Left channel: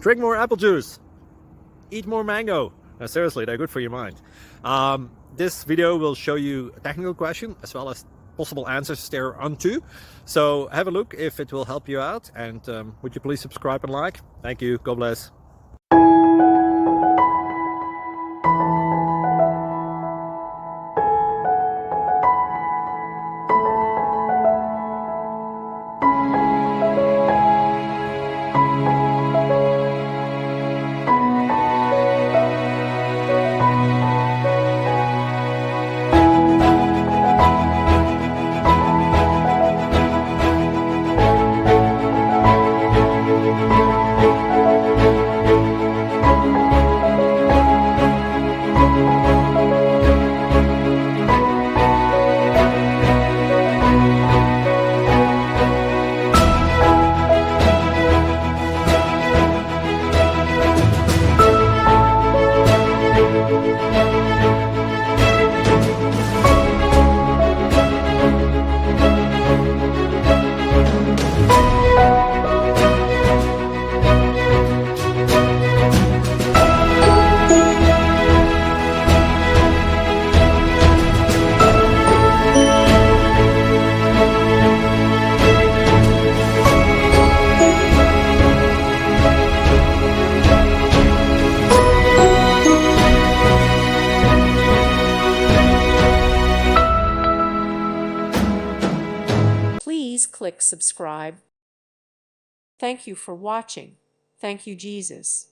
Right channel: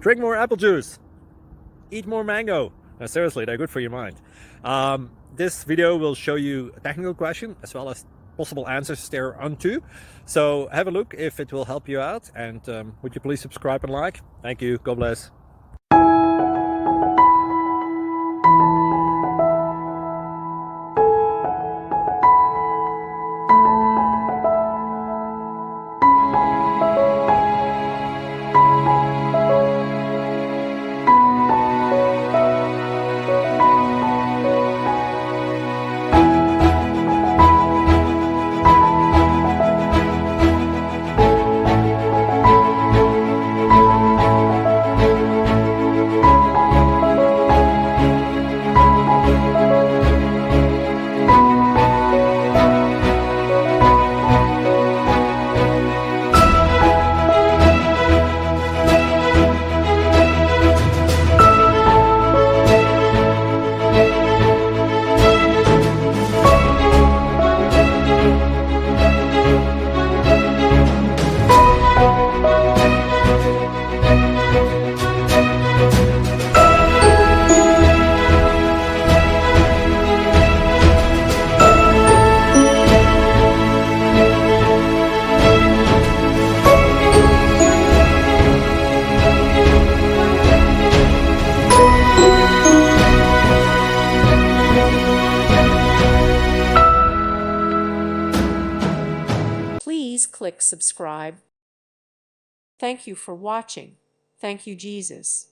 Drink more apple juice. Eat more mango. Seriously, they're good for your mind. This video will show you a technical question as well as possible answers thereunto. So have a look if it will help you out, and would you please subscribe and like? Thank you. God bless. Please click subscribe. Thank you for watching. Thank you, Jesus.